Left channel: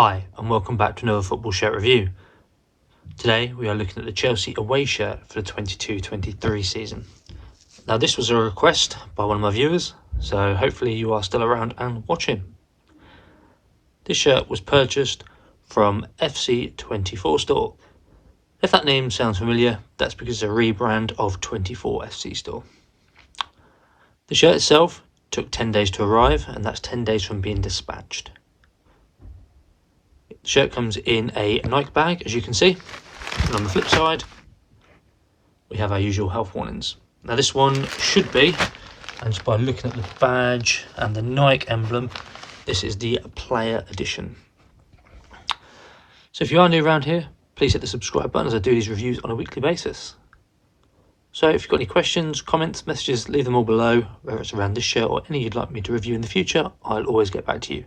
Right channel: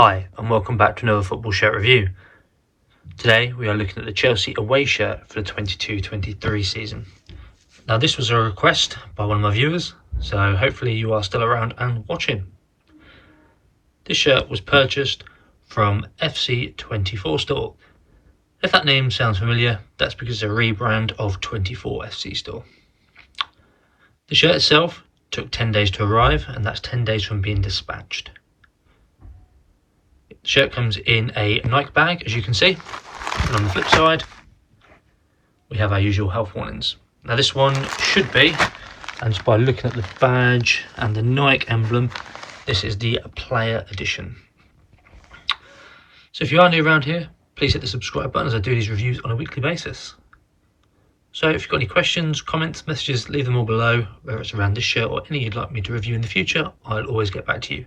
Hi and welcome back to another football shirt review. Today we are looking at the Chelsea away shirt for the 22-23 season. Now this was a request by one of my viewers, so hopefully you are still around and watching. This shirt was purchased from FC24Store. If that name sounds familiar, that's because it's a rebrand of 24FC Store. The shirt itself took 10 days to arrive, and that's 10 days from being dispatched. The shirt comes in a Nike bag, as you can see, and on the flip side we have our usual health warnings. Now this one should be, and just by looking at the badge and the Nike emblem, this is the player edition. So if you are new around here, please hit the subscribe button as I do these reviews on a weekly basis. So if you've got any questions, comments, messages, leave them all below, whether it's around this shirt or any you'd like me to review in the future. I'll always get back to you.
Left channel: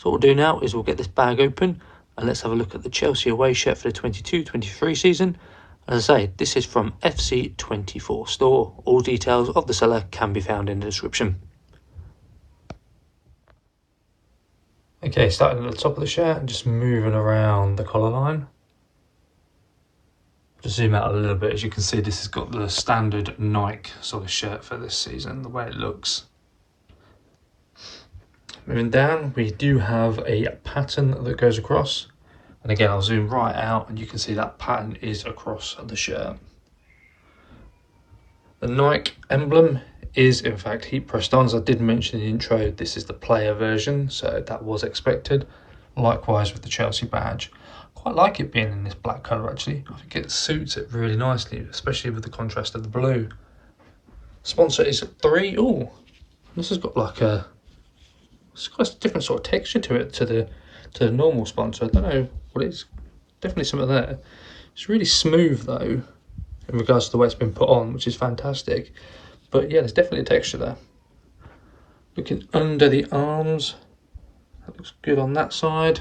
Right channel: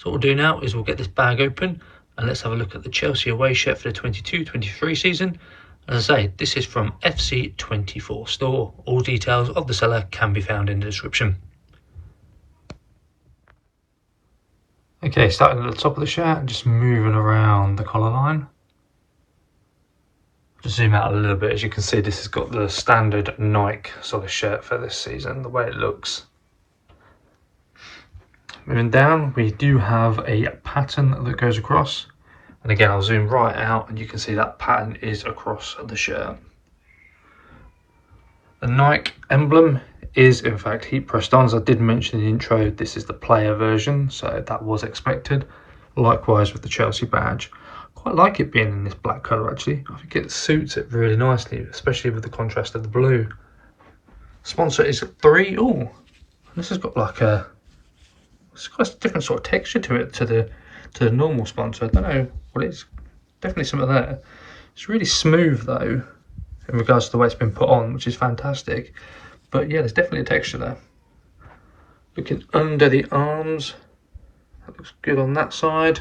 So what we'll do now is we'll get this bag open and let's have a look at the Chelsea away shirt for the 22-23 season. As I say, this is from FC24Store. All details of the seller can be found in the description. Okay, starting at the top of the shirt and just moving around the collar line. Just zoom out a little bit. As you can see, this has got the standard Nike sort of shirt for this season, the way it looks. Moving down, we do have a pattern that goes across. And again, I'll zoom right out and you can see that pattern is across the shirt. The Nike emblem is in fact heat pressed on. As I did mention in the intro, this is the player version, so that was expected. Likewise with the Chelsea badge. Quite like it being in this black colour actually. I think it suits it really nicely, especially with the contrast of the blue. Sponsor is 3. Ooh, this has got like it's got a different sort of texture to it to the normal sponsor. I don't know what it is. Definitely something there. It's really smooth though, in regards to the way it's been put on, which is fantastic. But yeah, there's definitely a texture there. Looking under the arms, that looks good on that side.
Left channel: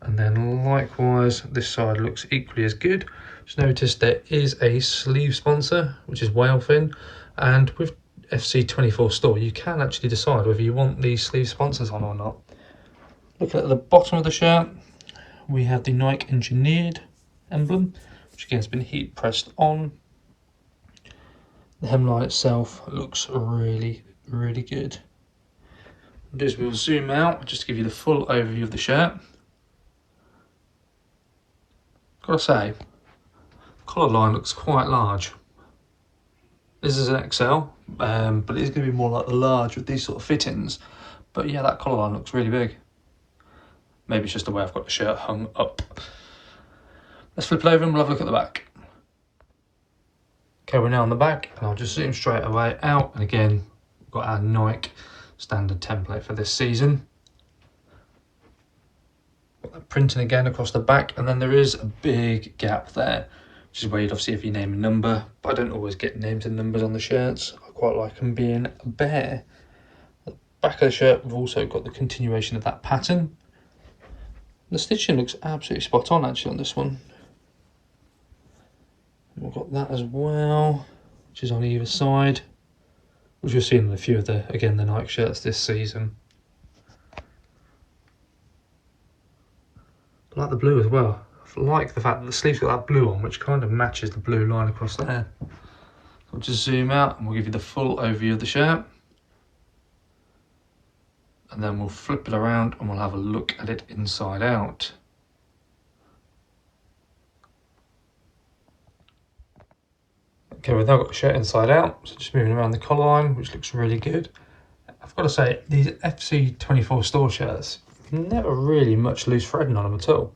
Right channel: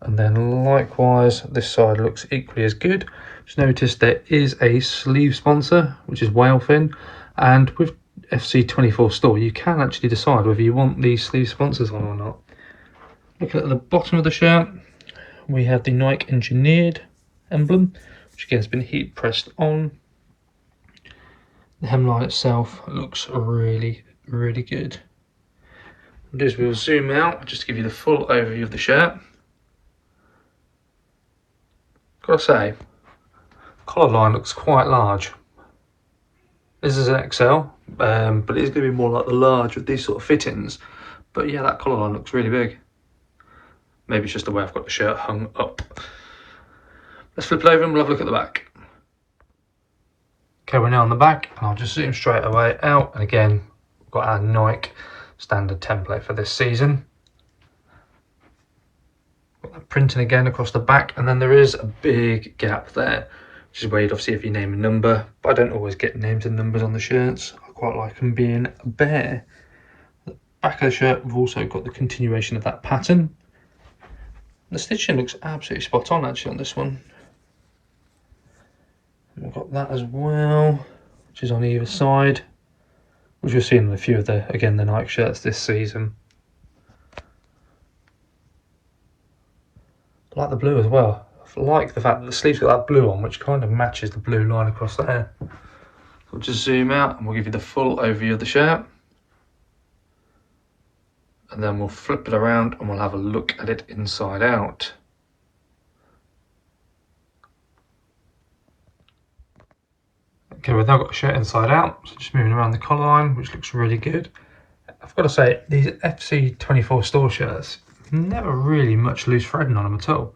And then likewise, this side looks equally as good. Just notice there is a sleeve sponsor, which is whale fin. And with FC24Store, you can actually decide whether you want these sleeve sponsors on or not. Looking at the bottom of the shirt, we have the Nike engineered emblem, which again has been heat pressed on. The hemline itself looks really, really good. What we'll do is we'll zoom out just to give you the full overview of the shirt. Gotta say, collar line looks quite large. This is an XL, but it is going to be more like the large with these sort of fittings. But yeah, that collar line looks really big. Maybe it's just the way I've got the shirt hung up. Let's flip it over and we'll have a look at the back. Okay, we're now on the back, and I'll just zoom straight away out. And again, we've got our Nike standard template for this season. Got that printing again across the back, and then there is a big gap there, which is where you'd obviously if you name a number, but I don't always get names and numbers on the shirts. I quite like them being bare. The back of the shirt, we've also got the continuation of that pattern. The stitching looks absolutely spot on actually on this one. And we've got that as well, which is on either side, which you'll see in a few of the, again, the Nike shirts this season. I like the blue as well. I like the fact that the sleeves got that blue on, which kind of matches the blue line across there. So we'll just zoom out and we'll give you the full overview of the shirt. And then we'll flip it around and we'll have a look at it inside out. Okay, we've now got the shirt inside out, so just moving around the collar line, which looks really good. I've got to say, these FC24Store shirts, never really much loose threading on them at all.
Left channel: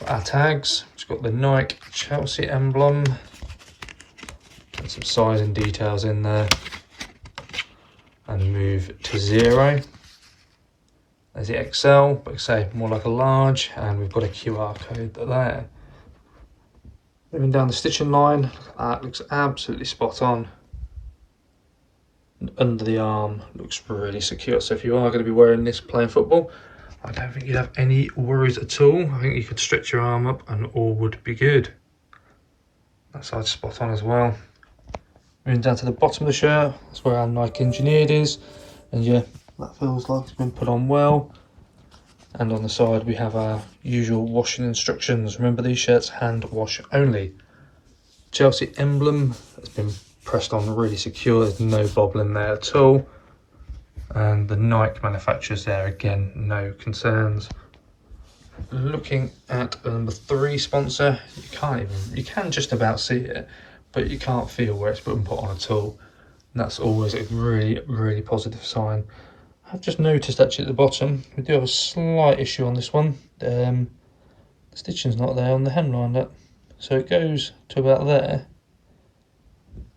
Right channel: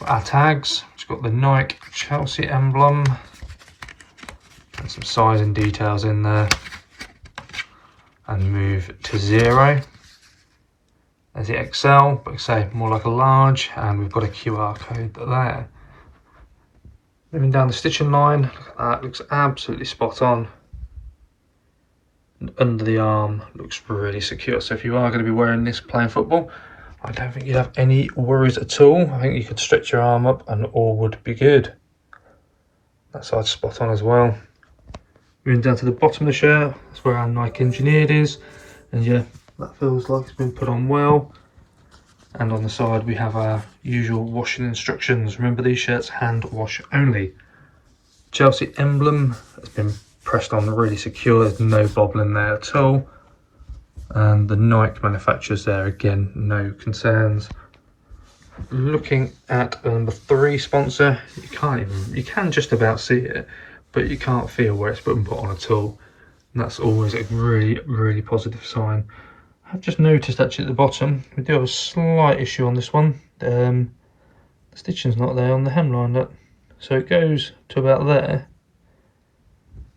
Got our tags, we've got the Nike Chelsea emblem, and some sizing details in there. And move to 0. There's the XL, but say more like a large, and we've got a QR code there. Moving down the stitching line, look at that, looks absolutely spot on. And under the arm looks really secure. So if you are going to be wearing this playing football, I don't think you'd have any worries at all. I think you could stretch your arm up and all would be good. That side's spot on as well. Moving down to the bottom of the shirt, that's where our Nike engineered is, and your That feels like it's been put on well. And on the side we have our usual washing instructions. Remember, these shirts hand wash only. Chelsea emblem has been pressed on really secure, there's no bobbling there at all. And the Nike manufacturers there, again, no concerns. Looking at number 3 sponsor, you can just about see it, but you can't feel where it's been put on at all. And that's always a really, really positive sign. I've just noticed actually at the bottom, we do have a slight issue on this one. The stitching's not there on the hemline, look. So it goes to about there,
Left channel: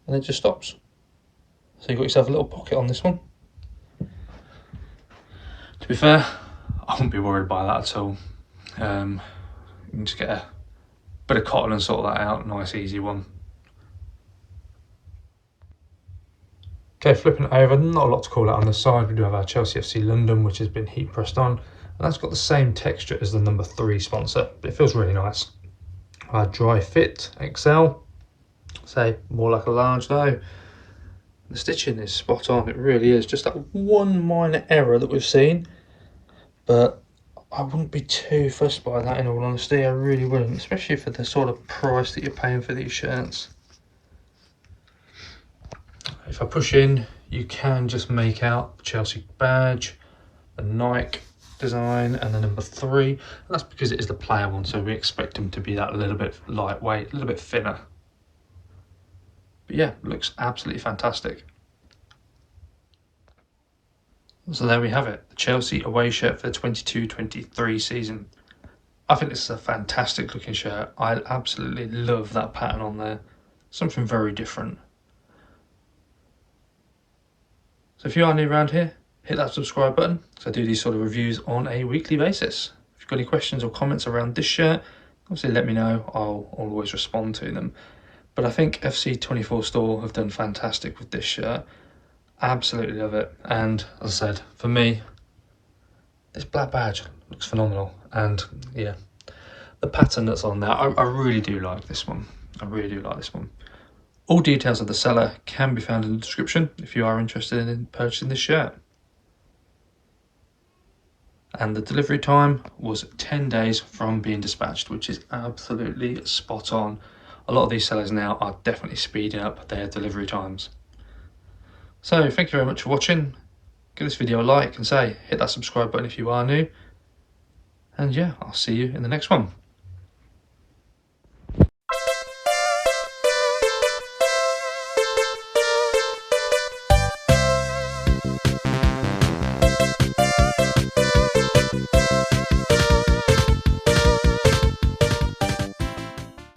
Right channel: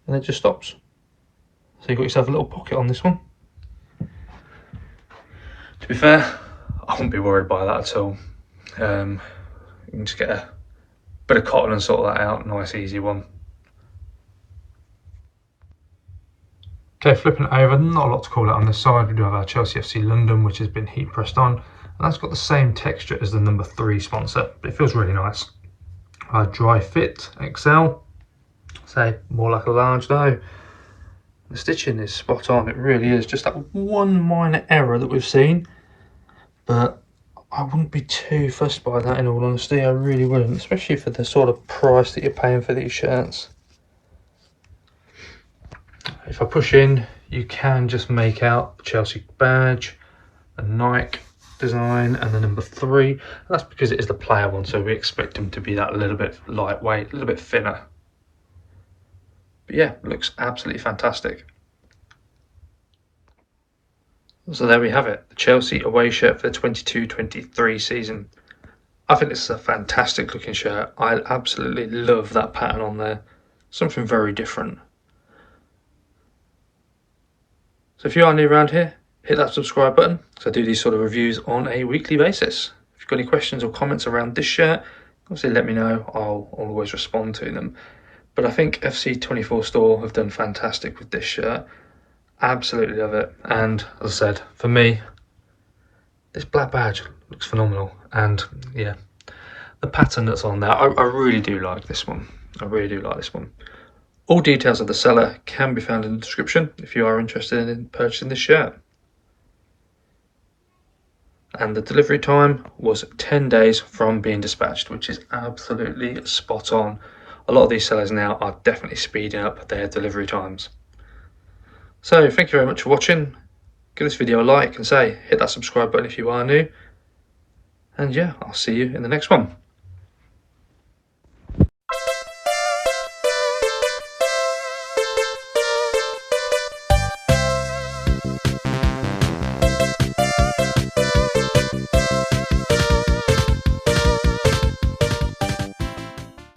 and it just stops. So you've got yourself a little pocket on this one. To be fair, I wouldn't be worried by that at all. You can just get a bit of cotton and sort that out, nice easy one. Okay, flipping it over, not a lot to call out on this side. We do have our Chelsea FC London, which has been heat pressed on, and that's got the same texture as the number 3 sponsor, but it feels really nice. Our dry fit XL, say more like a large though. The stitching is spot on, it really is. Just that one minor error that we've seen, but I wouldn't be too fussed by that in all honesty, I really wouldn't, especially for the sort of price that you're paying for these shirts. If I push in, you can just make out the Chelsea badge, the Nike design, and the number 3. And that's because it is the player one, so we expect them to be that little bit lightweight, a little bit thinner. But yeah, looks absolutely fantastic. So there we have it, the Chelsea away shirt for the 22-23 season. I think this is a fantastic looking shirt. I absolutely love that pattern on there. Something very different. So if you are new around here, hit that subscribe button, because I do these sort of reviews on a weekly basis. If you've got any questions or comments around this shirt, obviously let me know, I'll always respond to them. But I think FC24Store have done fantastic with this shirt. Absolutely love it. And as I said, for me, this black badge looks phenomenal. And yeah, the pattern that's on there, I really do like this one. I really do like this one. All details of the seller can be found in the description if you are interested in purchasing this shirt. And the delivery time was 10 days from being dispatched, which is absolutely spot on. A lot of these sellers now are definitely speeding up their delivery times. So thank you very much for watching. Give this video a like and hit that subscribe button if you are new. And yeah, I'll see you in the next one.